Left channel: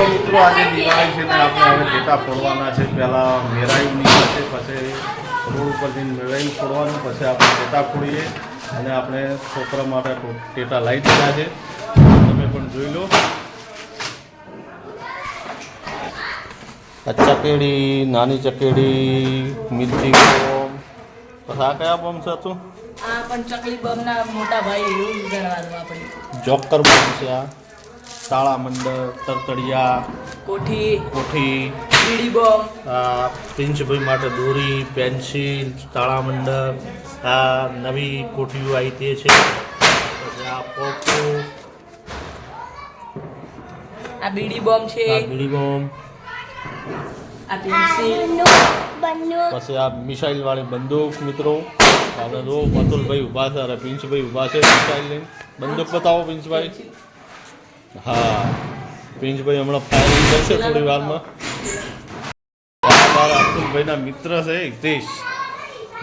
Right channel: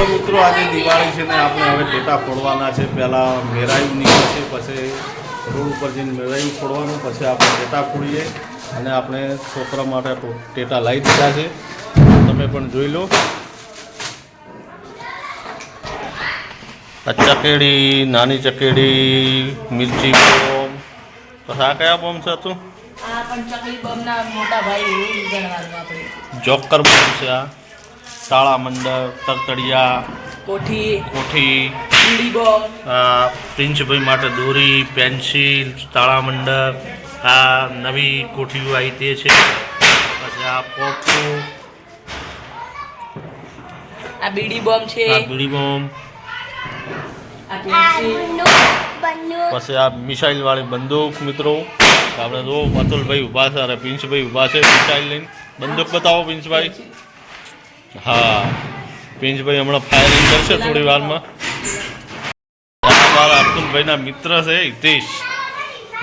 મિત્રો આજે દિવાળી છે ને આપણે હવે ટેટા ફોડવાના છે। પહેલાં મેરાયું નીકળશે, પછી રોડ ઉપર જઈને મેરાયું ફોડવાનું, પછી આપણે ટેટા ફોડીએ અને આપણે છોકરા માટે ટેટા લાવી દીધા છે, તમે પણ જોઈ લો। આ ચકેડી, નાની ચકેડી, મિર્ચી બોમ્બ, પછી આ કયા બોમ્બ છે તું? આ પણ ચકલી બોમ્બના મોટા ભાઈ એવું ગણવાનું આપણે। જોકર બોમ્બ છે, આ તાળા મંડળ, તરતડિયા, કોઠી, બીડી બોમ્બ, પ્રિન્સભાઈ માટે દોરી, પેન્સિલ, તાળા મંડળ, આ નવી કોઠીઓ આવી તે છે, પછી આ પોપો, આ બીડી બોમ્બ છે, આ બીડી બોમ્બ, આ પેન્સિલ, પછી આ મિસાઇલ વાળી બંદૂક। મિત્રો આપણે જો અતુલભાઈ ઊભા છે અને પ્રિન્સભાઈ ઊભા છે મિસાઇલ લઈને। બંદૂક બતાવો પ્રિન્સભાઈ। હા, પ્રિન્સભાઈ હમણાં ફાયરિંગ કરશે થોડી વારમાં। મારા અતુલભાઈના મિત્ર છે હિતેશ,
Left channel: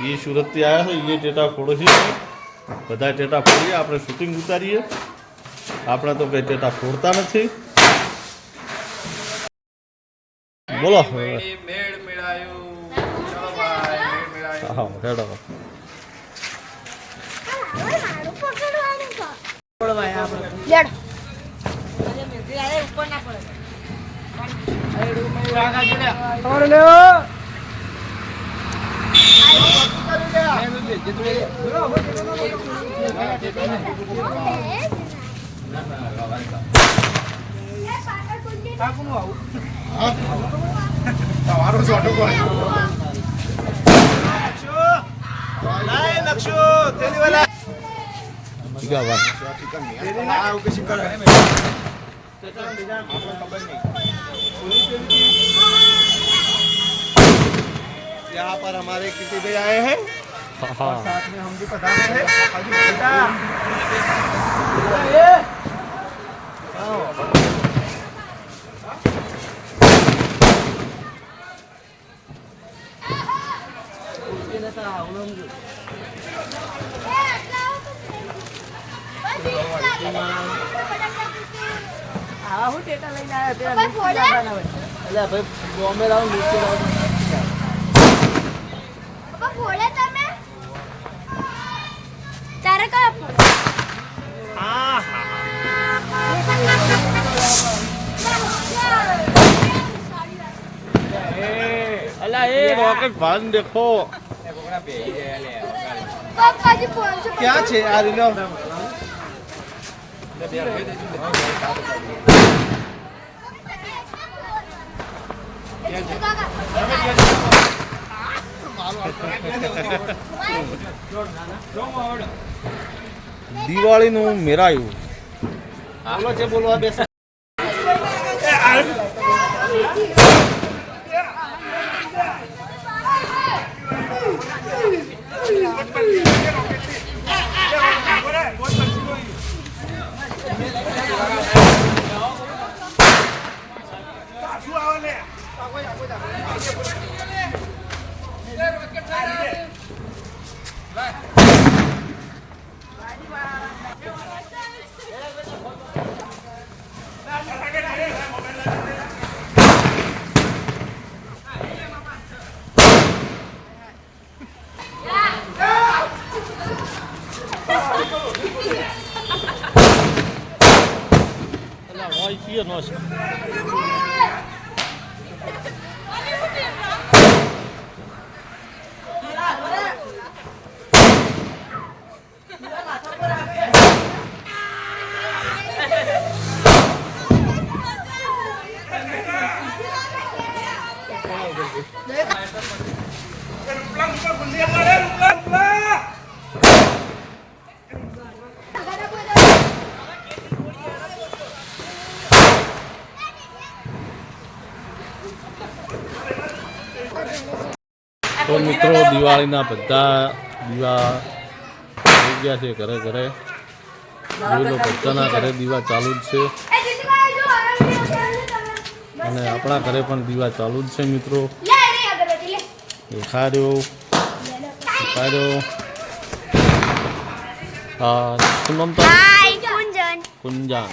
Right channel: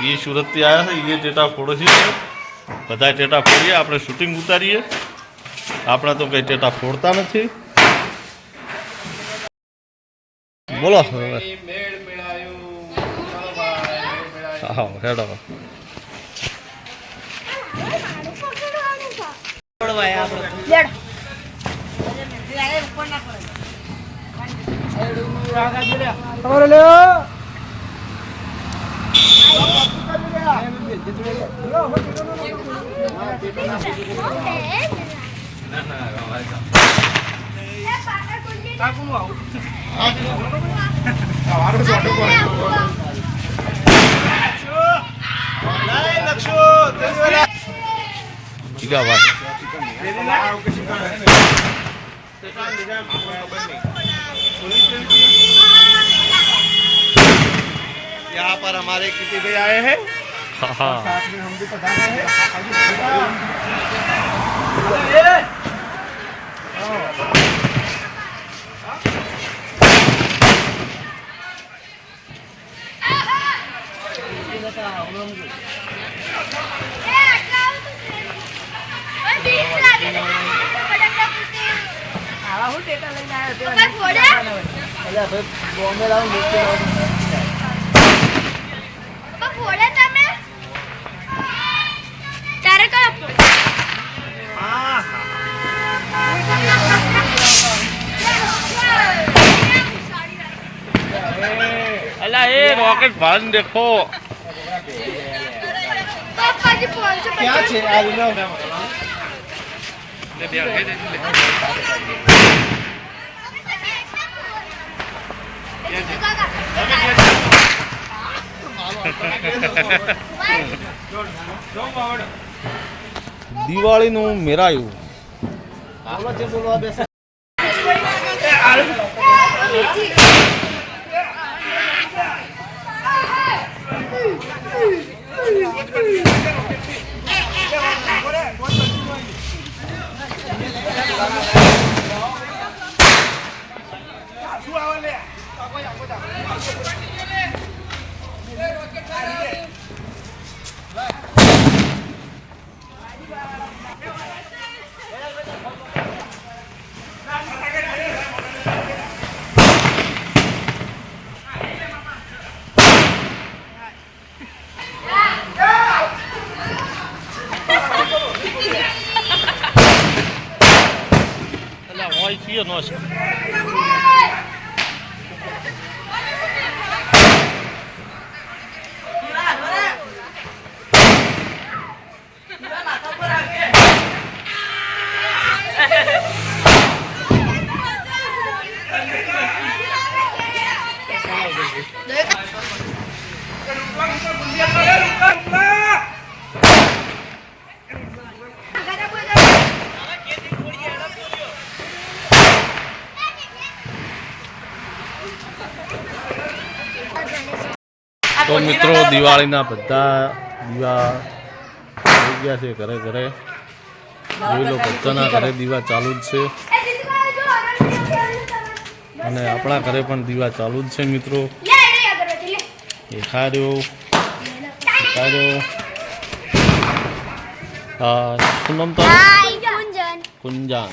એ સુરતથી આવ્યા છે, એ ટેટા ફોડે છે। બધા ટેટા ફોડીએ, આપણે શૂટિંગ ઉતારીએ, આપણે તો કંઈ ટેટા ફોડતા નથી। બોલો હા હેડો। क्या बात, यहाँ पर हमारे किसी भाई आए हैं, हाँ साथ में हम भी पधारे हैं। बॉम्बे लाओ, नीचे लाओ। अल्लाह ये रॉकेट भान देखो क्या छे आज लो દિવાળીનું મેરાયું બોલો છે બોલવા બેસ હોય છે નો છે तो मित्रों दिवाळीना बधा दीवा થઈ ગયા છે ઘરે ઘરે જોઈ લો બધાના ઘરે દીવા ચાલુ જ છે અને આપણા ઘરે પણ દીવા ચાલુ જ છે મિત્રો દેખાડ્યો હા શું નામ તારું કુંજાન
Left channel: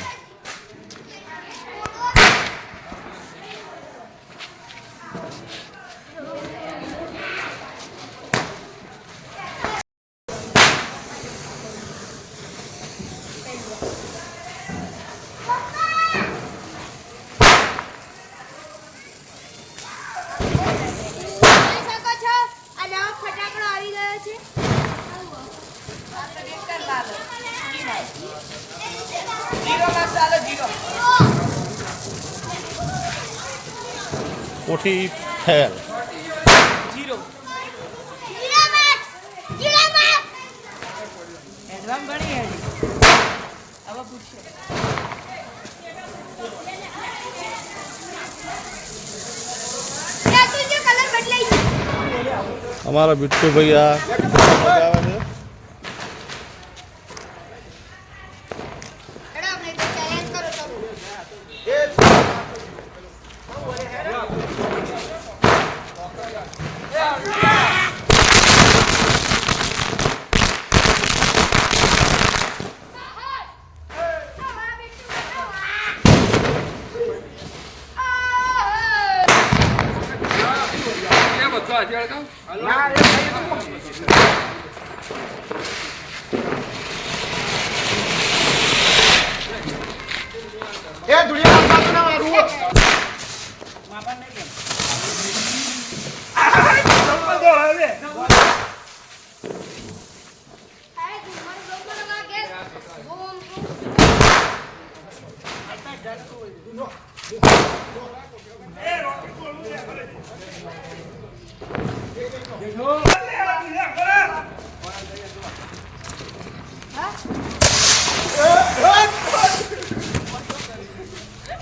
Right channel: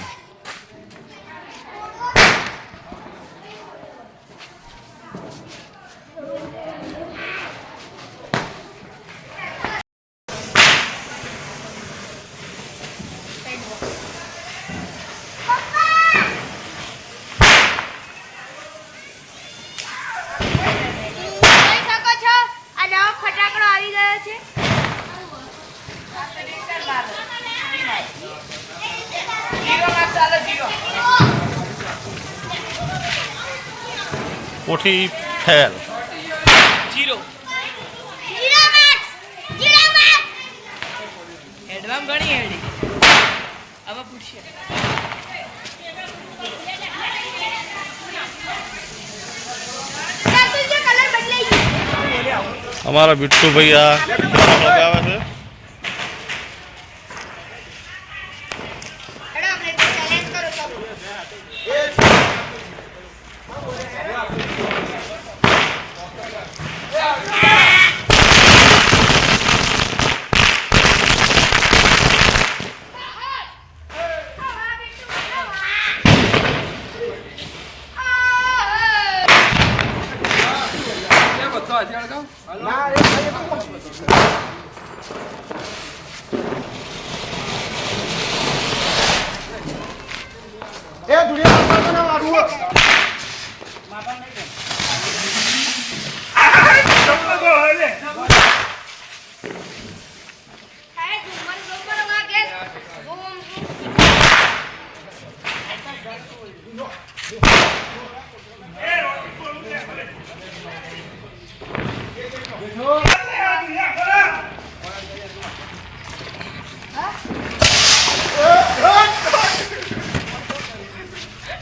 કોઠી ફેલ. જીરો હેડવામ ઘણી હેડી હવે પૂછીએ અમારા બિટ્ટુભાઈ આ લગાવે છે.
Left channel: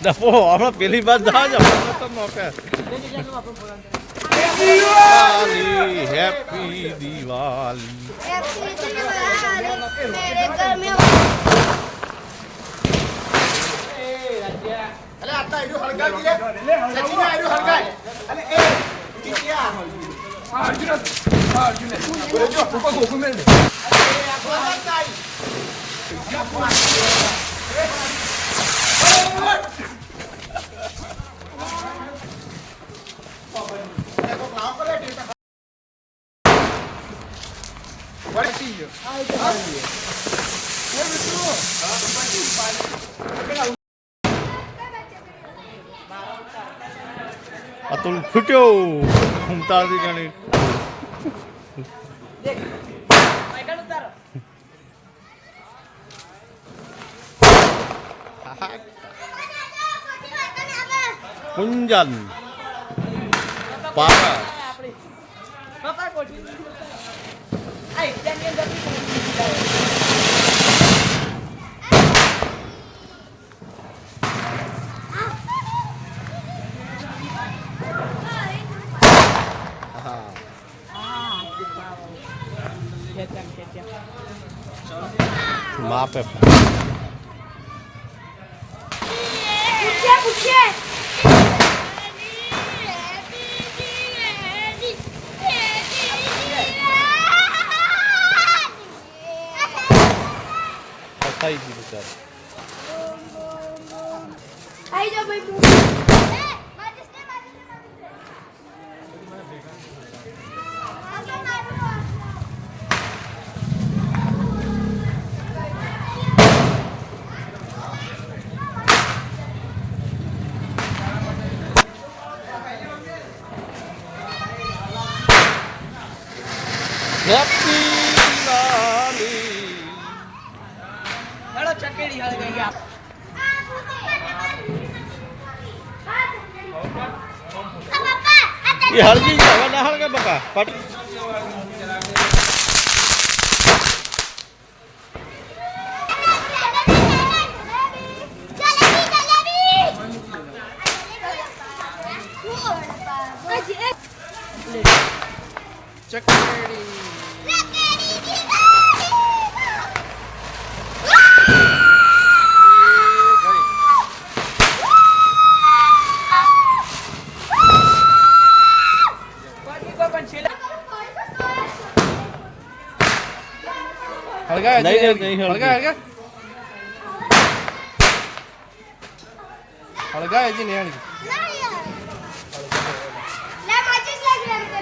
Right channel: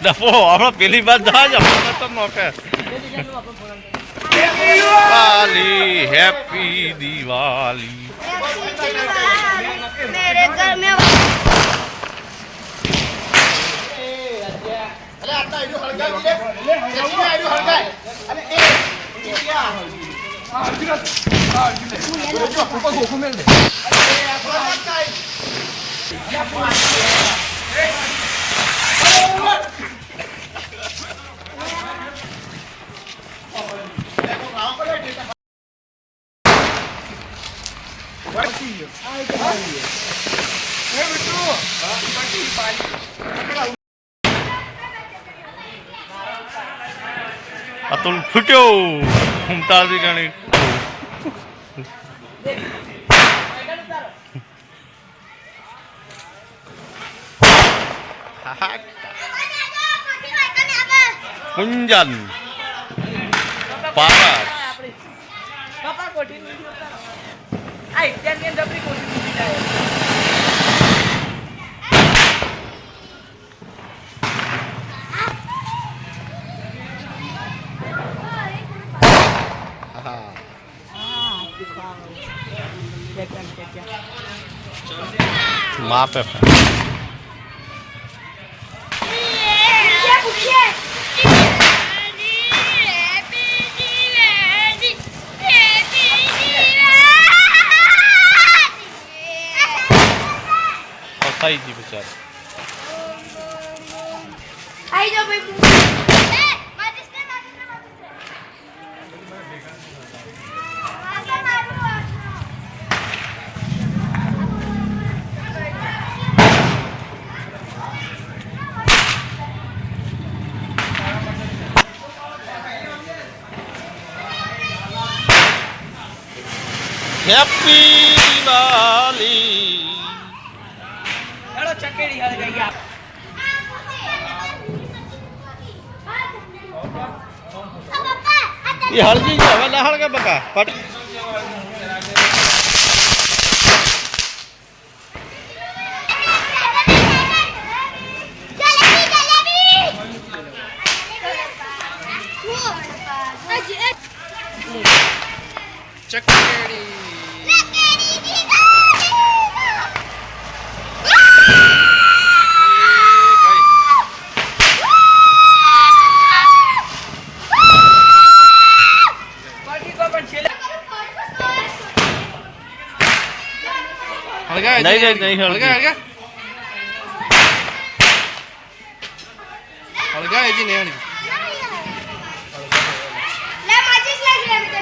ડફો આપણે પેલી બાદ જા જ આપણે તો મોકે દિવાળી હેપી દિવાળી. અતુલ ફૂટ્યો ઘૂમતાથી ગણી. કુંજન પારસ પપ્પા કોઠી આઈ ત્યાં ડબલી કોઠી માપે ફસાઈ ગઈ બિચારી. આઈ જાઓ ભાઈ હેપી દિવાળી. હેડો ચકેડી હાલ ગઈ ગયા એ હળજી છે હવે ના હળગે બકા પટ. ચકેડી નહીં હળગી. હળગાય છે ને હળગી લે માચીસ લાગી રે તને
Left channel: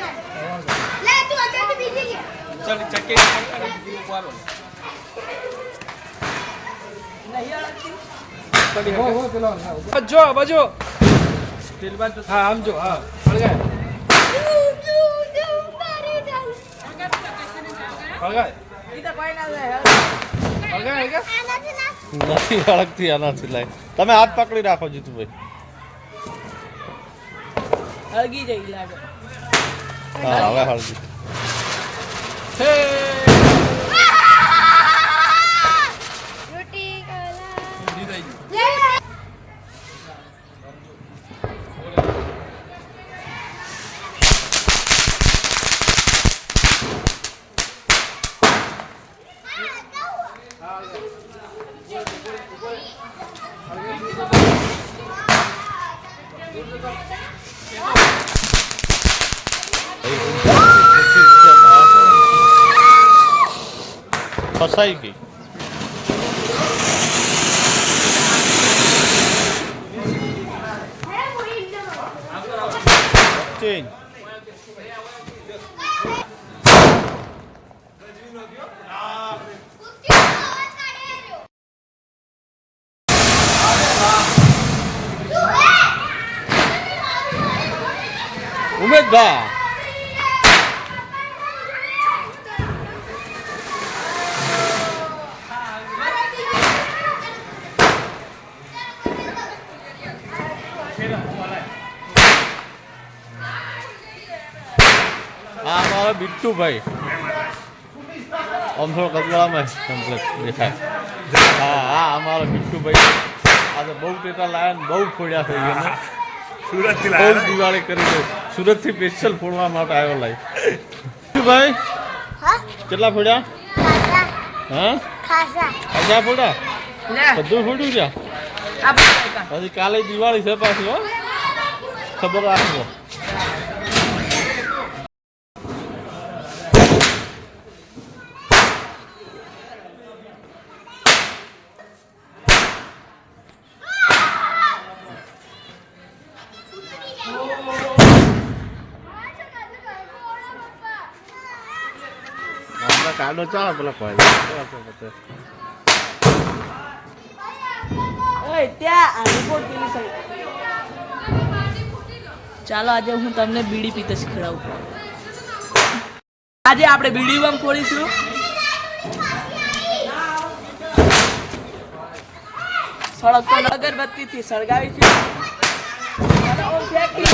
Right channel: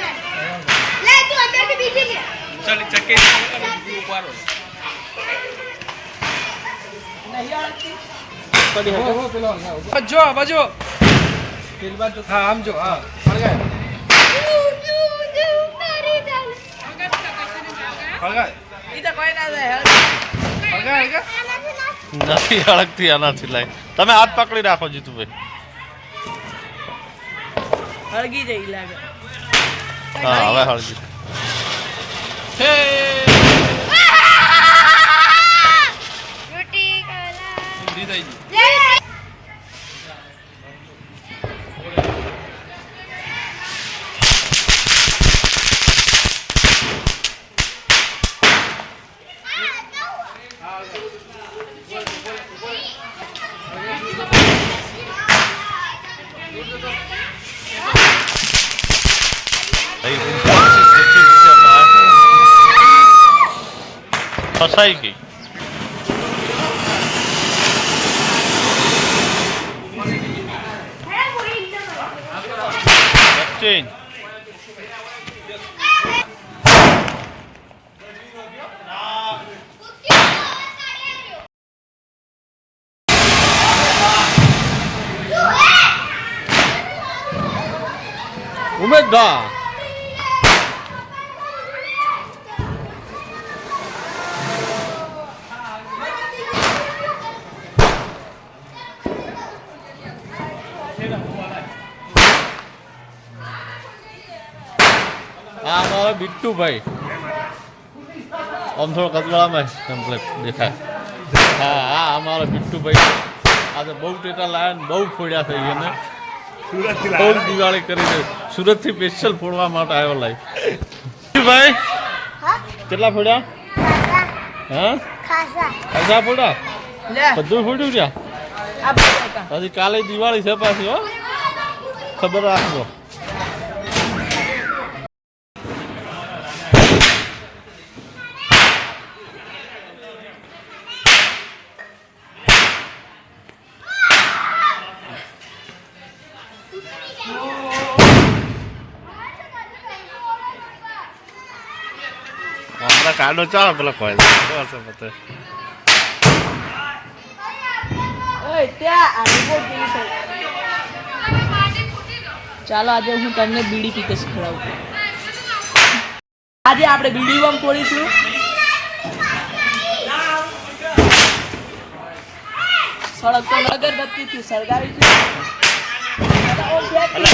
લે તું અંદર કે બીજી લે ચાલ ચકેડી ઉપાડો હો પેલો બજો બજો હા આમ જો હા હળગાય હળગાય ઈ તો કોઈ ના જાય હળગાય નથી હળગતી આનાથી લાય. તમે હાથ પકડી રાખો જીતુભાઈ. હળગી જઈ લાગે. હા હવે હળજી હે रोटी काला ઊંધી થઈ ગઈ. ले ફસાઈ ગઈ ચેન્જ ઉમેદભા આ અમારો બિટ્ટુભાઈ આમ થોડો કચવાળામાં કમ્પ્લેટ દેખાય હા હા અમારો બિટ્ટુભાઈ આજે બહુ ટેટા લાયા ને બહુ ફોડ્યા થઈ ગયા ને સુરતથી બહુ દિવાળી કરી છે સુરતથી સ્પેશિયલ ફોડવા માટે આવ્યો લાઈ ભાઈ हाँ કેટલા ફોડ્યા खासा હા खासा ખાસા ફોડ્યા લે બધું ફોડ્યું છે આ બધું કામ. હજી કાલે દિવાળી છે પાછી હો ખબર રાખજો હમણાં કાઢો ચાલો પેલા કોઈ ઓય ત્યાં આ રિપોર્ટ કેવી થઈ. ચાલો આજે હું તમને બીડી પીતે શીખડાવું. આજે આપણે બીડી બમ ફોડીશું. સળગ તો અગરબત્તીથી સળગાવીશું. અને ઓ ફેંકી.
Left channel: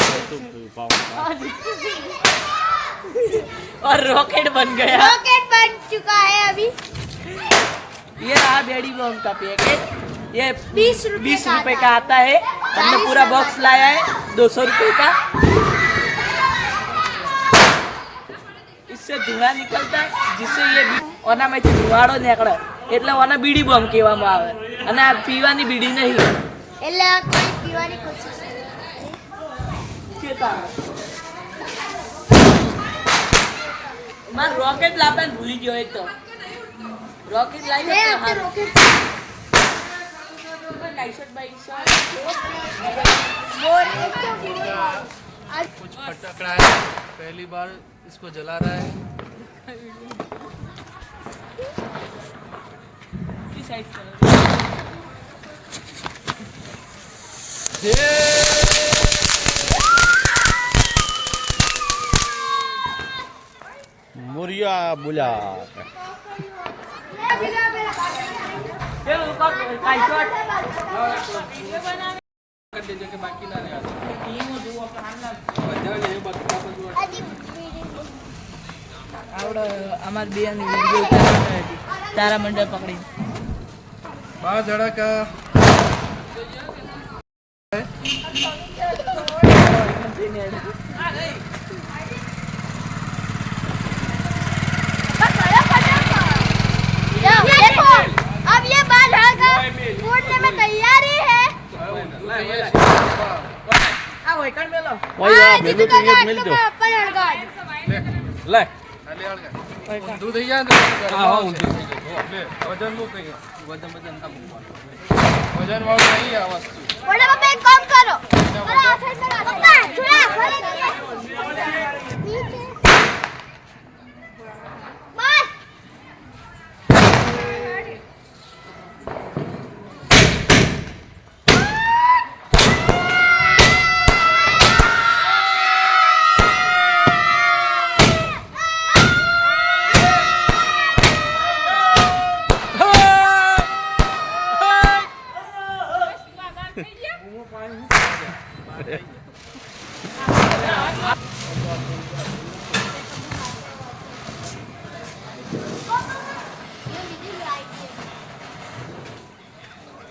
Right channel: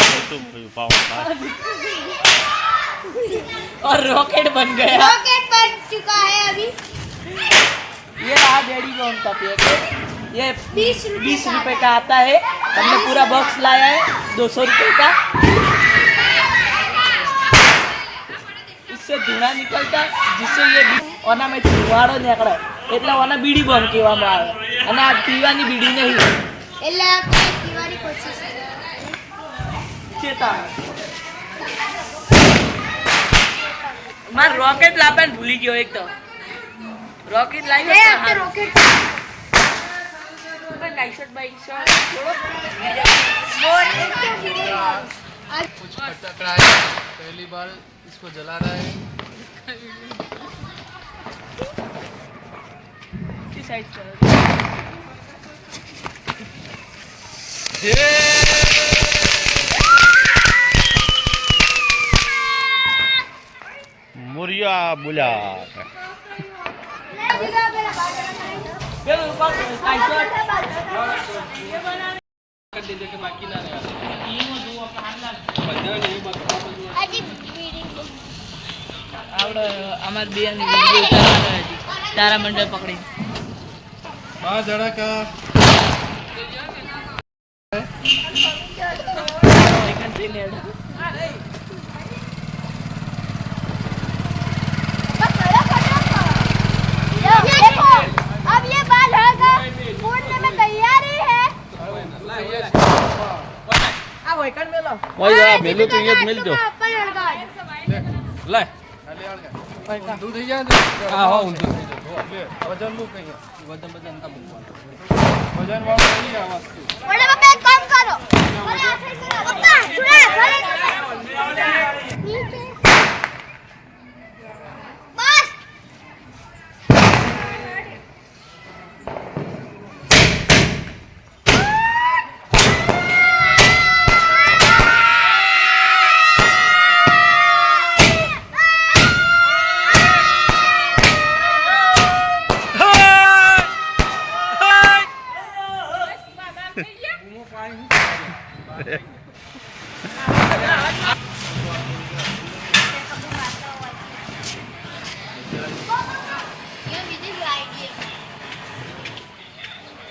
और रॉकेट बन गया. रॉकेट बन चुका है अभी ये रहा बेड़ी बम का पैकेट. ये 20 रुपए का आता है. हमने पूरा बॉक्स लाया है 200 रुपए का. इससे धुआं निकलता है जिससे ये ओना में धुआड़ो निकले એટલે ઓના બીડી બમ કહેવામાં આવે. અને આ પીવાની બીડી નહીં. એટલે આપણે પીવાની કોશિશ કરીએ ચેતા માર રોકેટ લાવવાનું ભૂલી ગયો એક તો. રોકેટ मैं લાવ્યો अब तो rocket night shirt bike shirt bore कुछ खटक रहा है, पहली बार इसको जला रहा है. की साइड से મુરિયા બોલ્યા कर दीजिए कि बाकी ना रहे. अजी बिल्डिंग આવડે અમાર બેન વિડિયો ઉતારવાનો હતી તારા મંડળ પકડી. बाहर जरा का देखो अब ये बाल फूटने में तैयार ही है આ વૈકણ મેલો કોઈ આ મેલું તો અહીંયા જ મેલજો अपन हड़गाड़ ले ले आड़ गया दूध ही जाए ले वजन लो कहीं वजन का वजन वाला नहीं है वस्तु बड़े पापा एक काम